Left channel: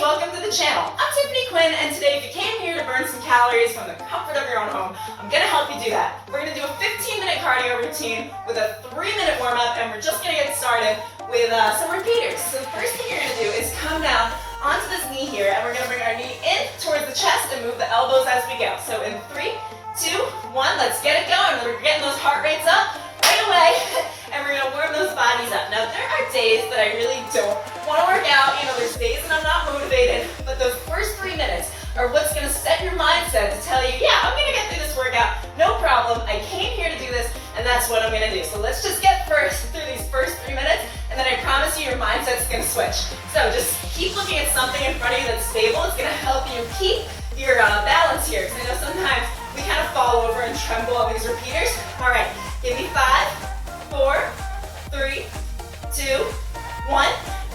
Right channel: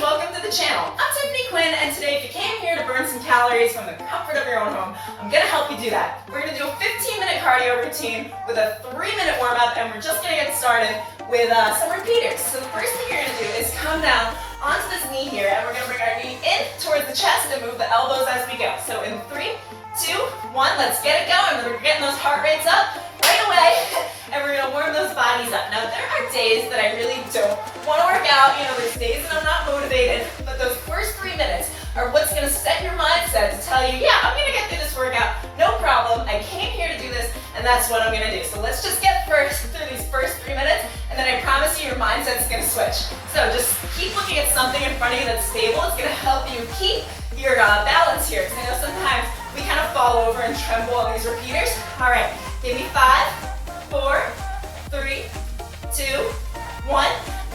welcome to the channel. I'm Tiffany Quinn, and today if you came here to burn some calories from the comfort of your own home, I'm going to help you do that. We're going to do a 15-minute cardio routine with a 3-minute warm-up, and we're just going to get started with some repeaters. So the first thing you're going to do is come down onto this knee here, and we're going to bring our knee in towards the chest and move the elbows as we go. So in 3, 2, 1, let's get it going. We're getting those heart rates up right away, and we're going to warm those bodies up. Now, there are days that I really don't want to work out. You know, there's days that I'm not motivated, but those first 3 minutes are what's going to set your mindset to tell you, yeah, I'm going to get through this workout, no problem. I came here to do this, and that's what I'm going to do. So let's just get through these first 3 minutes, and then I promise you your mindset's going to switch. So just keep looking at something in front of you that's stable. It's going to help you keep your balance here. Because I know sometimes we kind of fall over and tremble on these repeaters. All right, give me 5, 4, 3, 2, 1,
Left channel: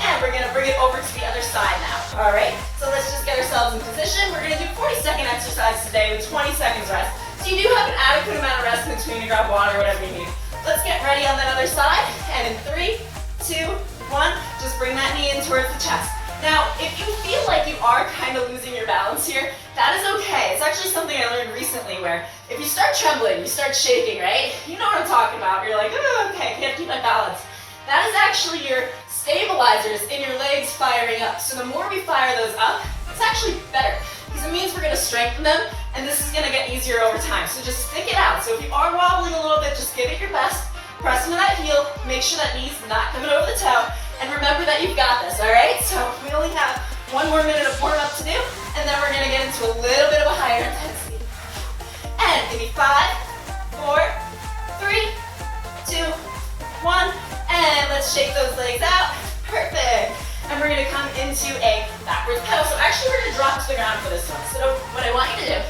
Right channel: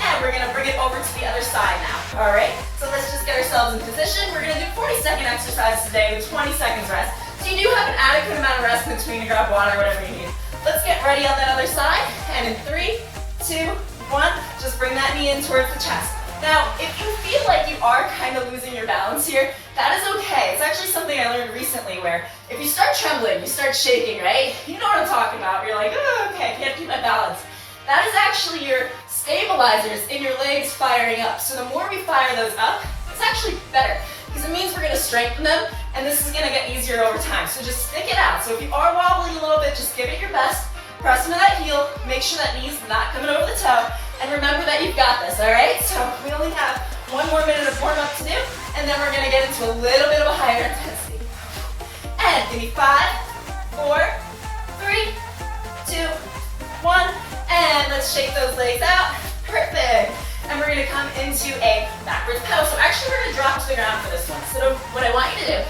and we're gonna bring it over to the other side now. All right, so let's just get ourselves in position. We're gonna do 40-second exercise today with 20 seconds rest. So you do have an adequate amount of rest in between to grab water or whatever you need. Let's get ready on that other side, and in 3, 2, 1, just bring that knee in towards the chest. Now, if you feel like you are kind of losing your balance here, that is okay. It's actually something I learned recently where if you start trembling, you start shaking, right? You know what I'm talking about. You're like, oh, okay, I can't keep my balance. That is actually your stabilizers in your legs firing up. So the more we fire those up, it's actually better because it means we're going to strengthen them, and this is going to get easier over time. So just stick it out. So if you are wobbling a little bit, just give it your best. Press into that heel. Make sure that knee's not coming over the toe. And remember that you've got this, all right? So we only have 1 more minute of warm-up to do, and then we're going to get into a little bit of a higher intensity. And give me 5, 4, 3, 2, 1, and let's shake those legs out. Perfect. And we're going to come into a backwards pedal. So actually we're going to drop to the ground for this one. So what I want you to do,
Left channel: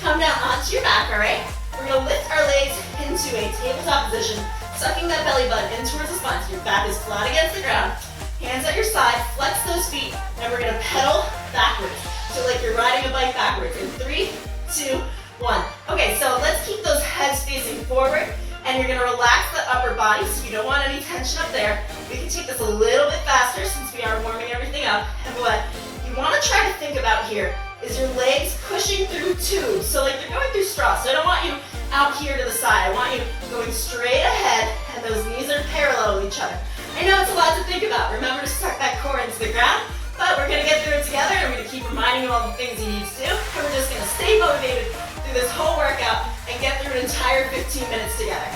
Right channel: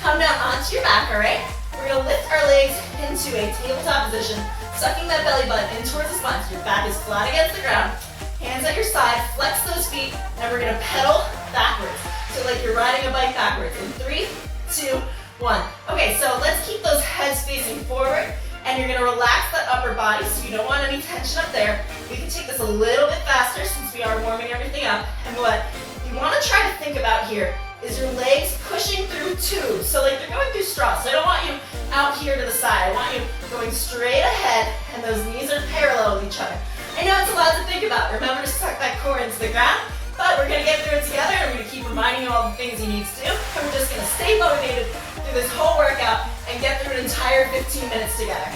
come down onto your back, all right? We're going to lift our legs into a tabletop position, sucking that belly button in towards the spine so your back is flat against the ground. Hands at your side, flex those feet, and we're going to pedal backwards. So like you're riding a bike backwards. In 3, 2, 1. Okay, so let's keep those heads facing forward, and you're going to relax the upper body so you don't want any tension up there. We can take this a little bit faster since we are warming everything up. And what you want to try to think about here is your legs pushing through tubes. So like they're going through straws. So I don't want you out here to the side. I want you going straight ahead, and those knees are parallel with each other. I know it's a lot to think about. Remember to suck that core into the ground, but we're going to get through it together, and we're going to keep reminding you all the things you need to do, and we're just going to stay motivated through this whole workout and get through an entire 15 minutes together.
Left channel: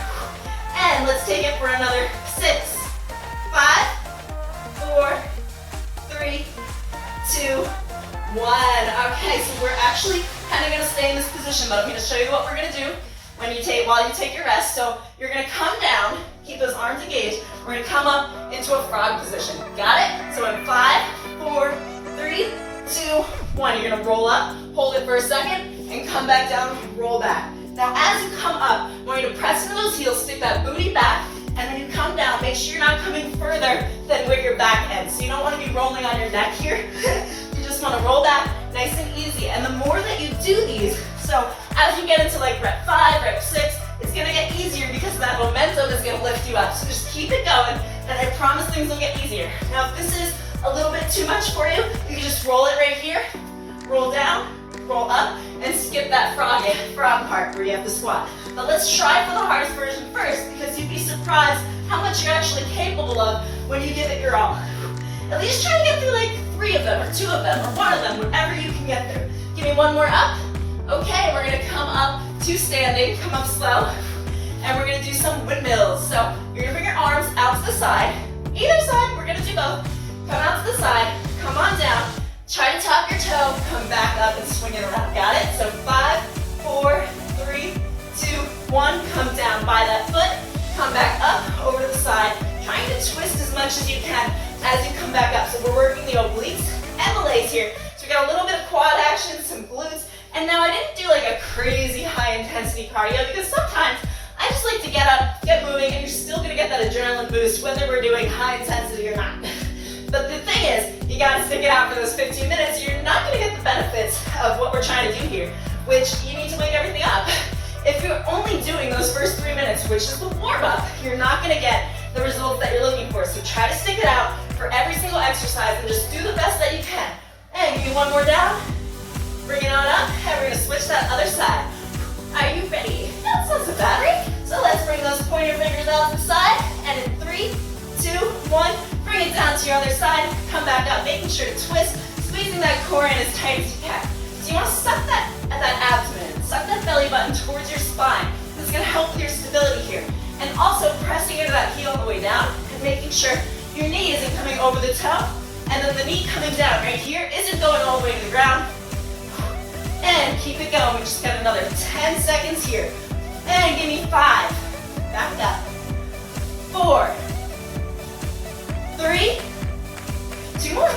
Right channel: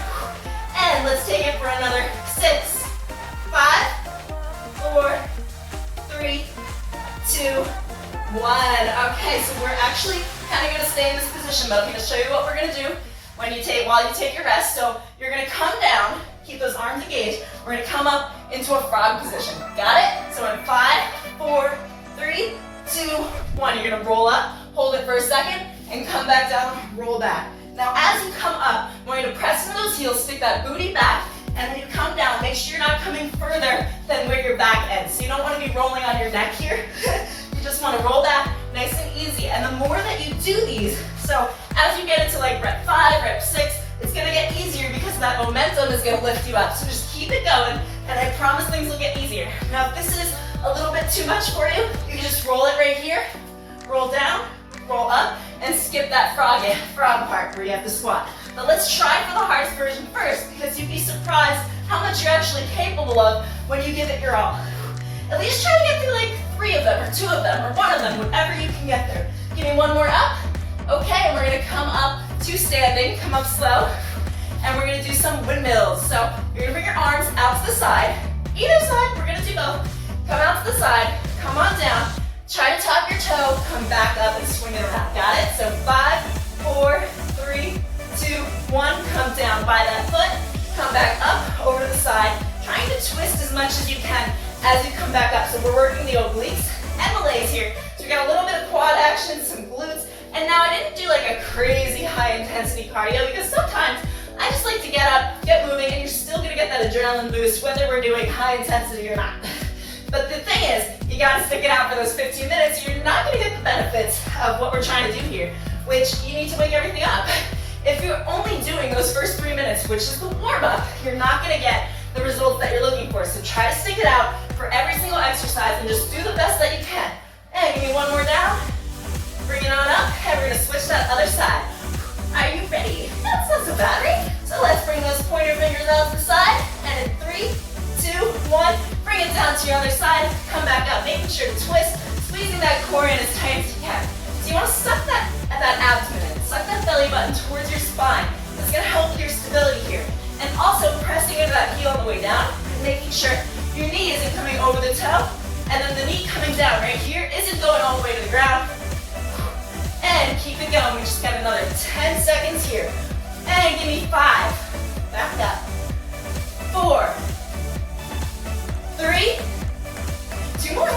And let's take it for another 6, 5, 4, 3, 2, 1. Okay, so we're actually kind of going to stay in this position, but I'm going to show you what we're going to do while you take your rest. So you're going to come down, keep those arms engaged. We're going to come up into a frog position. Got it? So in 5, 4, 3, 2, 1. You're going to roll up, hold it for a second, and come back down, roll back. Now as you come up, I want you to press into those heels, stick that booty back, and then you come down. Make sure you're not coming further than where your back ends. So you don't want to be rolling on your neck here. You just want to roll back nice and easy. And the more that you do these, so as you get into like rep 5, rep 6, it's going to get easier because that momentum is going to lift you up. So just keep it going, and I promise things will get easier. Now if this is a little bit too much for you, you can just roll it right here, roll down, roll up, and skip that frog part where you have to squat. But let's try for the hardest version first, because you'd be surprised how much you're actually capable of when you give it your all. At least try to get through like 3 of them, or 2 of them, or 1 of them, whatever you can get through. Give me 1 more up. Okay, and we're going to come up to standing, come up slow, and we're going to do some windmills. So you're going to bring your arms out to the side. Either side, we're going to do both. Come out to the side, come on down, try to tap your toe, come back up and swing it around. Got it? So 5, 4, 3, 2, 1, come down by that foot, come back up over to the side, trying to twist as much as you can as you come back up. So we're working the obliques and the legs here. So we got a little bit of quad action, some glutes, and now I didn't do like a crazy high intensity cardio because sometimes I just like to get up, get moving, and you're still gonna get that adrenaline boost whether we're doing high intensity or not. But the thing is, you gotta stick it out for those 15 minutes. You're not gonna get the benefits of what we're trying to do here, which you need to wake everything up. If you're only doing those first 3 minutes, which is the warm-up, you're not gonna get the results that you're looking for. So try to stick it out for every single exercise and just do the best that you can. to your other side, come back up, making sure to twist, squeezing that core in as tight as you can. So you want to suck that abdomen in, suck that belly button towards your spine. This is going to help with your stability here. And also pressing into that heel on the way down and making sure your knee isn't coming over the toe, and then the knee coming down right here isn't going all the way to the ground. And keep it going. We just got another 10 seconds here. And give me 5. Back up. 4. 3. 2 more.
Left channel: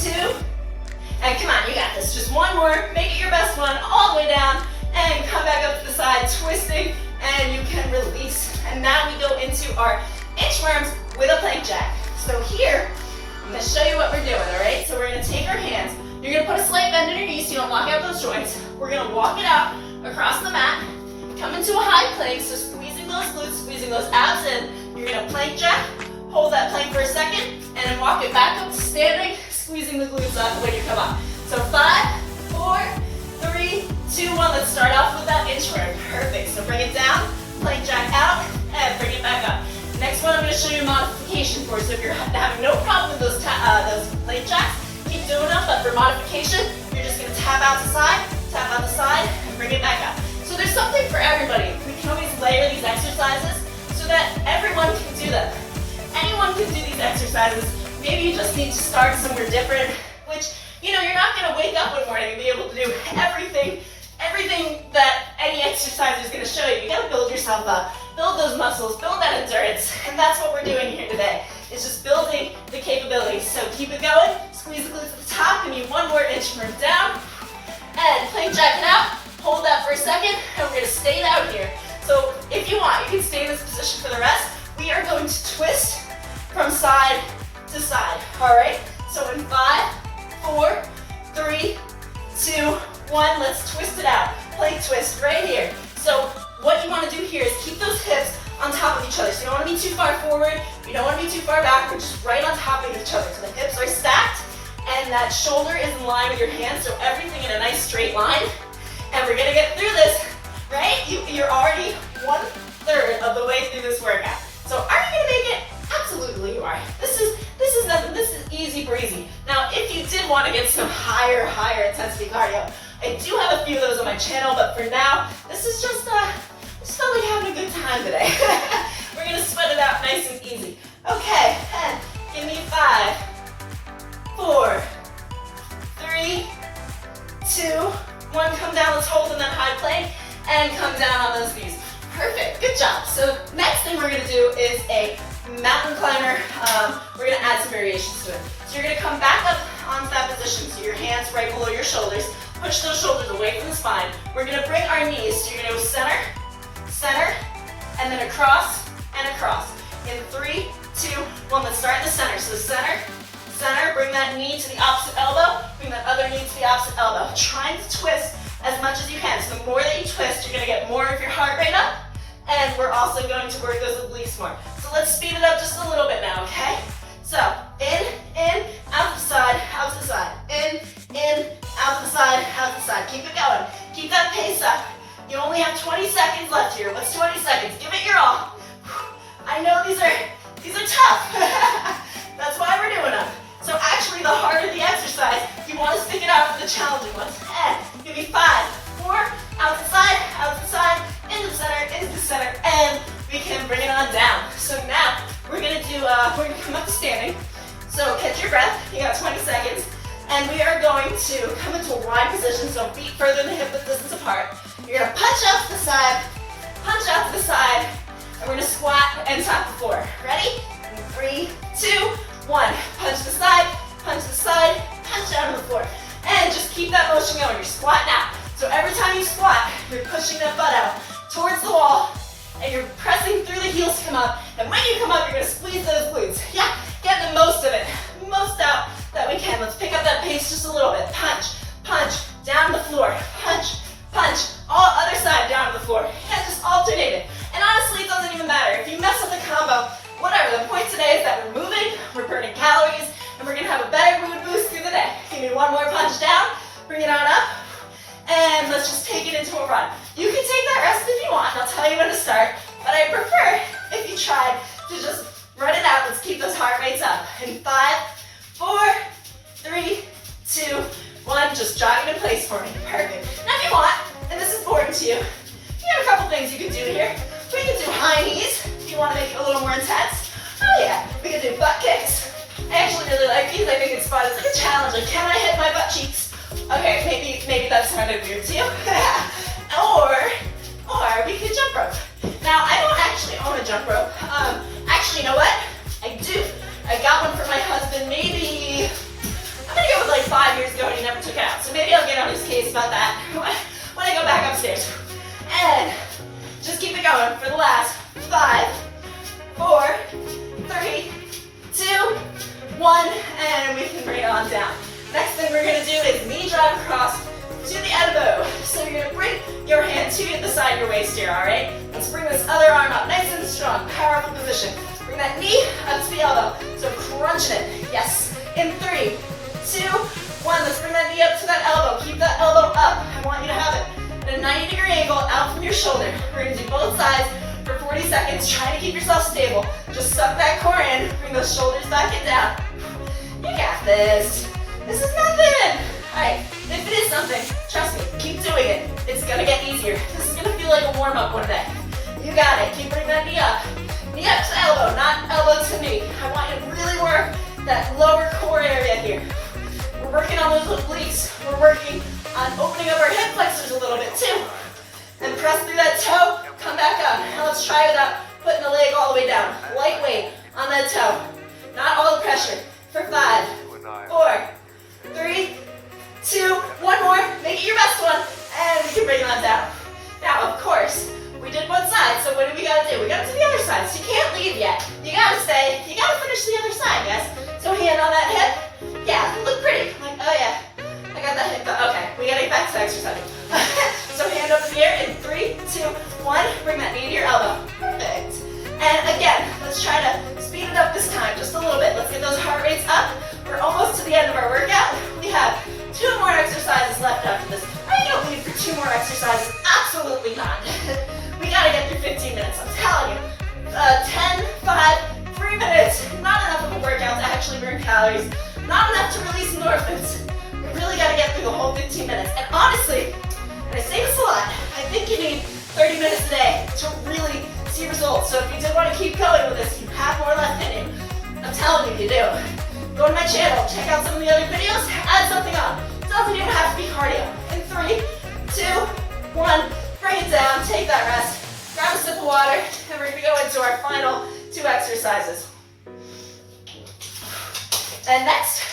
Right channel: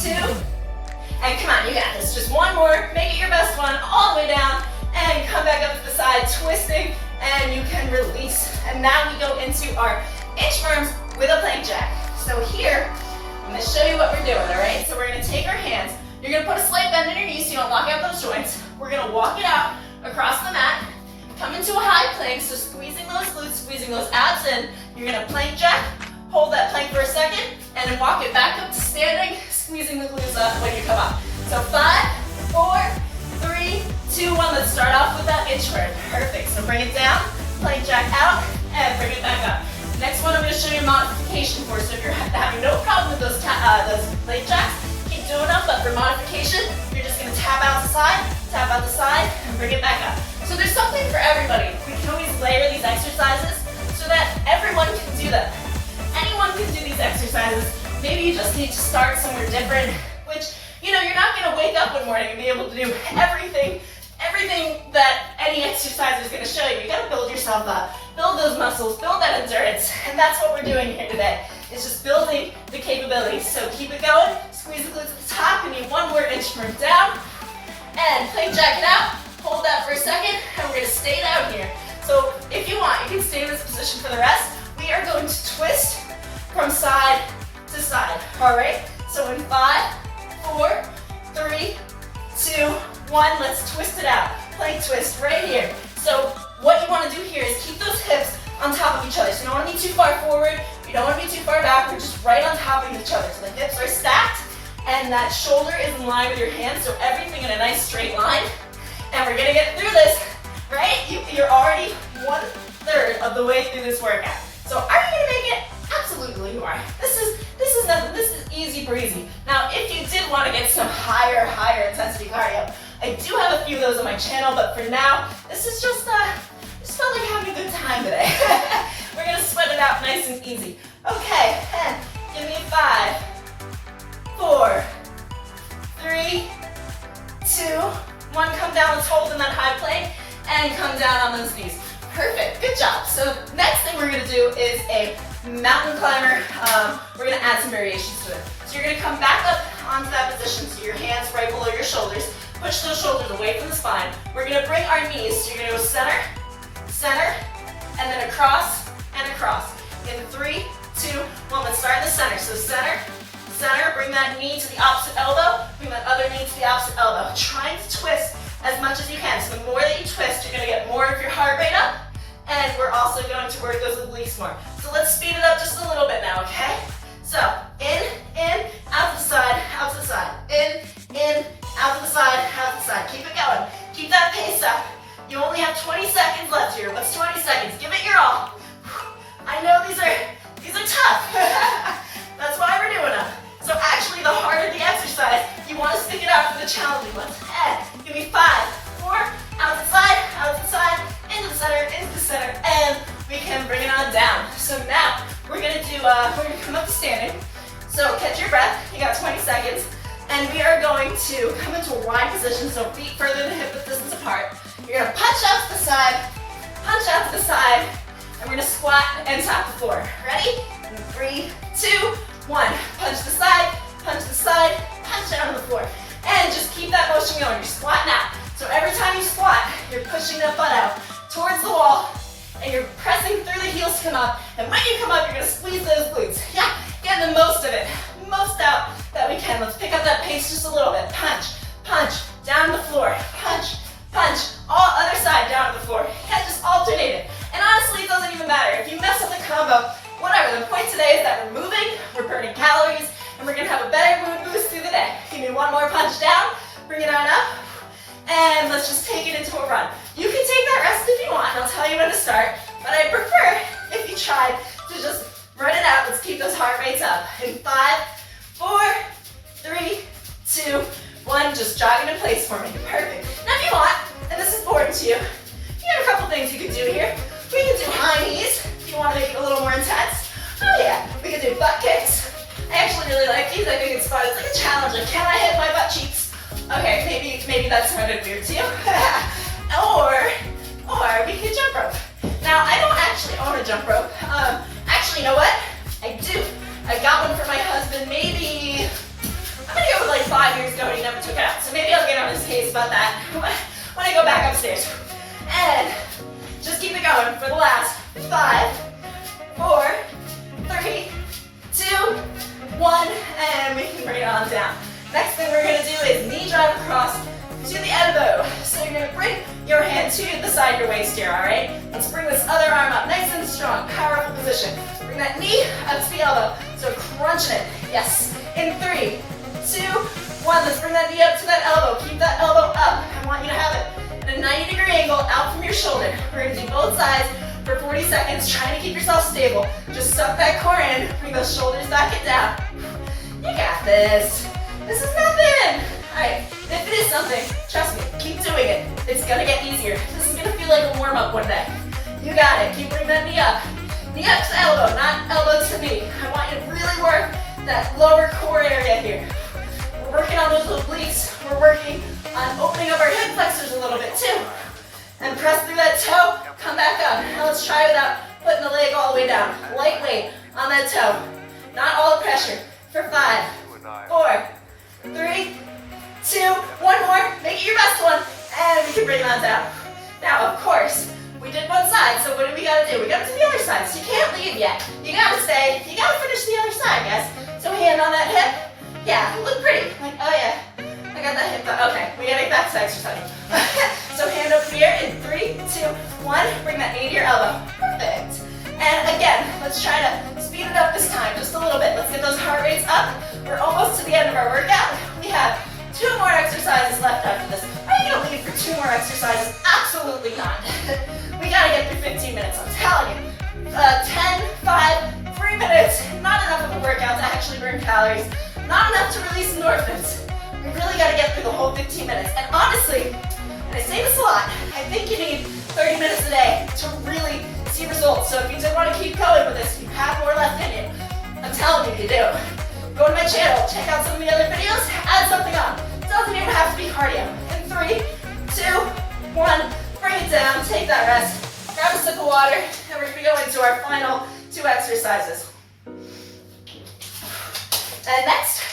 2. And come on, you got this. Just one more. Make it your best one. All the way down. And come back up to the side, twisting. And you can release. And now we go into our inchworms with a plank jack. So here, I'm going to show you what we're doing, all right? So we're going to take our hands. You're going to put a slight bend in your knees so you don't lock out those joints. We're going to walk it out across the mat. Come into a high plank, so squeezing those glutes, squeezing those abs in. You're going to plank jack, hold that plank for a second, and then walk it back up to standing, squeezing the glutes up when you come up. So 5, 4, 3, 2, 1. Let's start off with that inchworm. Perfect. So bring it down, plank jack out, and bring it back up. Next one, I'm going to show you modification for. So if you're having no problem with those plank jacks, keep doing them. But for modification, you're just going to tap out the side, and bring it back up. So there's something for everybody. We can always layer these exercises so that everyone can do them. Anyone can do these exercises. Maybe you just need to start somewhere different, which, you know, you're not going to wake up one morning and be able to do everything that any exercise is going to show you. You got to build yourself up, build those muscles, build that endurance, and that's what we're doing here today. It's just building the capabilities. So keep it going, squeeze the glutes at the top, and you one more inchworm down, and plank jack it out. Hold that for a second, and we're going to stay down here. So if you want, you can stay in this position for the rest. We are going to twist from side to side. All right? So in 5, 4, 3, 2, 1, let's twist it out. Plank twist right here. So what you want to do here is keep those hips on top of each other. So you don't want to be too far forward, you don't want to be too far back, we're just right on top of each other. So the hips are stacked, and that shoulder is in line with your hands, so everything in a nice straight line. And we're gonna get through this, right? You're already 1/3 of the way through this workout. So are you gonna make it? Absolutely you are. This is nothing. This is easy breezy. Now, if you did want to get some higher intensity cardio, I do have a few of those on my channel, but for now, this is just felt like having a good time today. We're gonna sweat it out nice and easy. Okay, and give me 5, 4, 3, 2, 1, come down, let's hold in that high plank, and come down on those knees. Perfect, good job. So next thing we're gonna do is a mountain climber. We're gonna add some variations to it. So you're gonna come back up onto that position, so your hands right below your shoulders. Push those shoulders away from the spine. We're gonna bring our knees, so you're gonna go center, center, and then across, and across. In 3, 2, 1, let's start in the center. So center, center, bring that knee to the opposite elbow, bring that other knee to the opposite elbow. Trying to twist as much as you can. So the more that you twist, you're gonna get more of your heart rate up, and we're also going to work those obliques more. So let's speed it up just a little bit now, okay? So, in, out to the side, out to the side. In, out to the side, out to the side. Keep it going. Keep that pace up. You only have 20 seconds left here. What's 20 seconds? Give it your all. I know these are tough. That's why we're doing them. So actually, the harder the exercise, you want to stick it out for the challenging ones. And give me 5, 4, out to the side, into the center, and we can bring it on down. So now we're gonna come up to standing. So catch your breath. You got 20 seconds, and we are going to come into a wide position. So feet further than hip width distance apart. You're gonna punch out to the side, and we're gonna squat and tap the floor. Ready? In 3, 2, 1. Punch the side, punch down to the floor. And just keep that motion going. You're squatting out. So every time you squat, you're pushing that butt out towards the wall, and you're pressing through the heels to come up. And when you come up, you're gonna squeeze those glutes. Yeah, get the most of it. Most out that we can. Let's pick up that pace just a little bit. Punch, punch, down to the floor. Punch, punch, all other side down to the floor. Yeah, just alternate it. And honestly, it doesn't even matter. If you mess up the combo, whatever. The point today is that we're moving, we're burning calories, and we're gonna have a better mood boost through the day. Give me one more punch down, bring it on up, and let's just take it into a run. You can take that rest if you want. I'll tell you when to start, but I prefer if you try to just Run it out. Let's keep those heart rates up. In 5, 4, 3, 2, 1. Just jogging in place for me. Perfect. Now if you want, and this is important to you, you have a couple things you can do here. We can do high knees if you want to make it a little more intense. Oh yeah. We can do butt kicks. I actually really like these. I think it's fun. It's like a challenge. Like, can I hit my butt cheeks? Okay, maybe that sounded weird to you. or we could jump rope. Now, I don't actually own a jump rope. Actually, you know what? I do. I got one for my husband maybe, I'm gonna go with like 5 years ago and he never took it out. So maybe I'll get on his case about that when I go back upstairs. And just keep it going for the last 5, 4, 3, 2, 1, and we can bring it on down. Next thing we're gonna do is knee drive across to the elbow. So you're gonna bring your hand to the side of your waist here, all right? Let's bring this other arm up, nice and strong, powerful position. Bring that knee up to the elbow. So crunching it, yes. In 3, 2, 1, let's bring that knee up to that elbow. Keep that elbow up. I want you to have it at a 90-degree angle out from your shoulder. We're gonna do both sides for 40 seconds, trying to keep yourself stable. Just suck that core in, bring those shoulders back and down. You got this. This is nothing. All right, if it is something, trust me, keep doing it. It's gonna get easier. This is gonna feel like a warm-up one day. You got it. Keep bringing that knee up. Knee up to elbow, not elbow to knee. I want you to really work that lower core area here. We're working on those obliques. We're working on opening up our hip flexors a little bit too. And press through that toe, come back up. Now let's try it out, putting the leg all the way down. Light weight on that toe. Not all the pressure. For 5, 4, 3, 2, 1 more. Make it your best one. And we can bring that down. Now, of course, we did one side, so what do we gotta do? We gotta do the other side, so you can't leave yet. You gotta stay, you gotta finish the other side, guys. So hand on that hip. Yeah, look pretty. Like, oh yeah, I got that hip. Okay, we gotta get back to exercise. So hand over here in 3, 2, 1. Bring that knee to your elbow. Perfect. And again, let's try to speed it up this time, just a little bit. Let's get those heart rates up. We're almost to the end of our workout. We have 2 more exercises left after this. Are you gonna leave for 2 more exercises? Absolutely not. We gotta get through 15 minutes, I'm telling you. 10, 5, 3 minutes. Not enough of a workout to actually burn calories. Not enough to release endorphins. We really gotta get through the whole 15 minutes. And honestly, and I say this a lot, I think you need 30 minutes a day to really see results. So if you did want to keep going with this, you have more left in you. I'm telling you, you do. Go to my channel, check out some of the other videos, add something on. It doesn't even have to be cardio. In 3, 2, 1, bring it down, take that rest, grab a sip of water, and we're gonna go into our final 2 exercises. And next,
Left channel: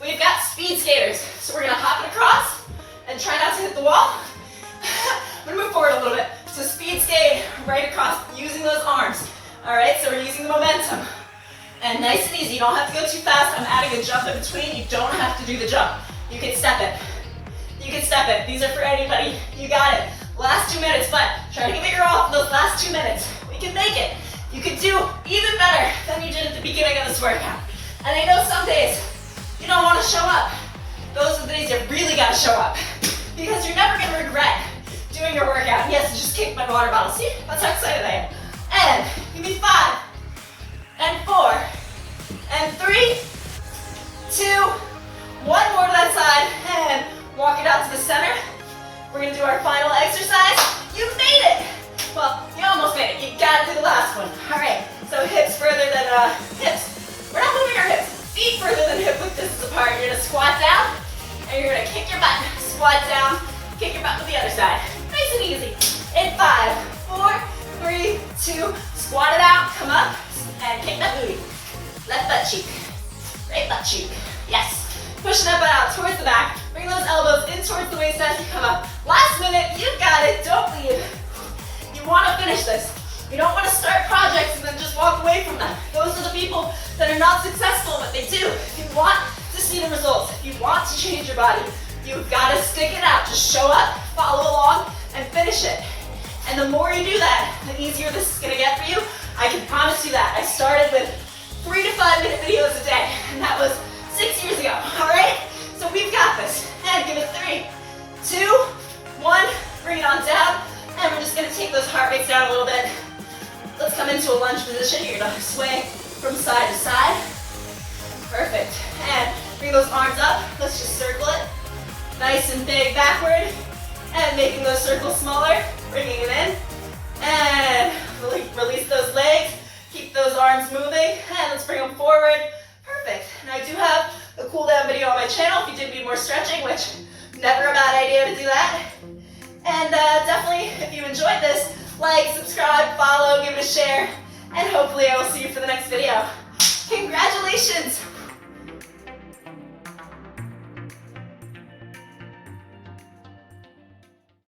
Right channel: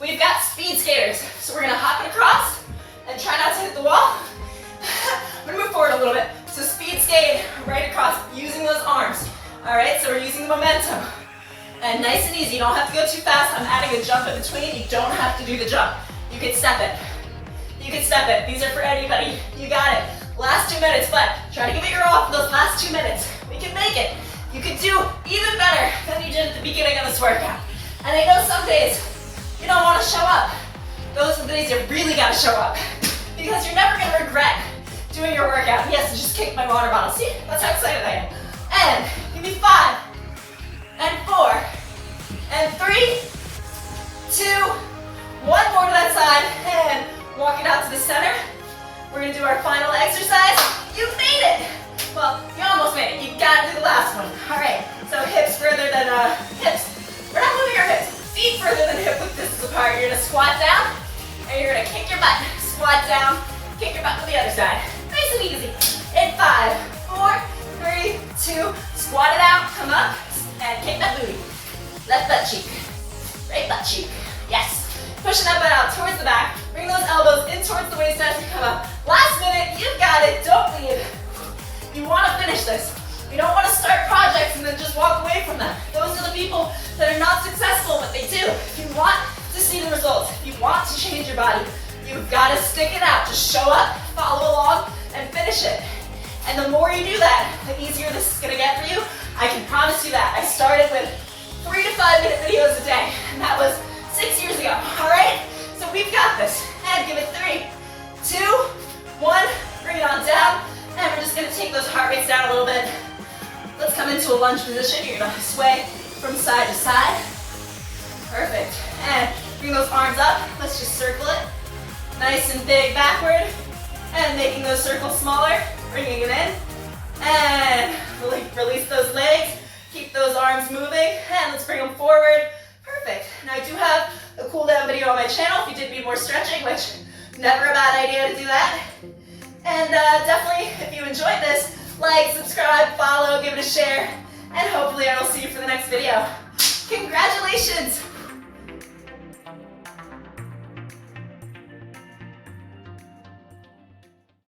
we've got speed skaters. So we're gonna hop it across and try not to hit the wall. I'm gonna move forward a little bit. So speed skate right across using those arms. All right, so we're using the momentum. And nice and easy, you don't have to go too fast. I'm adding a jump in between. You don't have to do the jump. You can step it. You can step it. These are for anybody. You got it. Last 2 minutes, but try to give it your all for those last 2 minutes. We can make it. You can do even better than you did at the beginning of this workout. And I know some days you don't want to show up. Those are the days you really got to show up. Because you're never going to regret doing your workout. Yes, I just kicked my water bottle. See? That's how excited I am. And give me 5, and 4, and 3, 2, 1 more to that side, and walk it out to the center. We're gonna do our final exercise. You made it! Well, you almost made it. You gotta do the last one. All right, so hips further than hips. We're not moving our hips. Feet further than hip width distance apart. You're gonna squat down, and you're gonna kick your butt. Squat down, kick your butt to the other side. Nice and easy. In 5, 4, 3, 2, squat it out, come up, and kick that booty. Left butt cheek, right butt cheek. Yes. Pushing that butt out towards the back. Bring those elbows in towards the waist as you come up. Last minute, you've got it, don't leave. You wanna finish this. You don't wanna start projects and then just walk away from them. Those are the people that are not successful, but they do. If you want to see the results, if you want to change your body, you've gotta stick it out. Just show up, follow along, and finish it. And the more you do that, the easier this is gonna get for you. I can promise you that. I started with 3 to 5 minute videos a day, and that was 6 years ago, all right? So we've got this. And give it 3, 2, 1, bring it on down, and we're just gonna take those heart rates down a little bit. Let's come into a lunge position. You're gonna sway from side to side. Perfect. And bring those arms up. Let's just circle it. Nice and big backward. And making those circles smaller. Bringing it in. And release those legs. Keep those arms moving. And let's bring them forward. Perfect. And I do have a cool down video on my channel if you did need more stretching, which never a bad idea to do that. And definitely, if you enjoyed this, like, subscribe, follow, give it a share, and hopefully I will see you for the next video. Congratulations!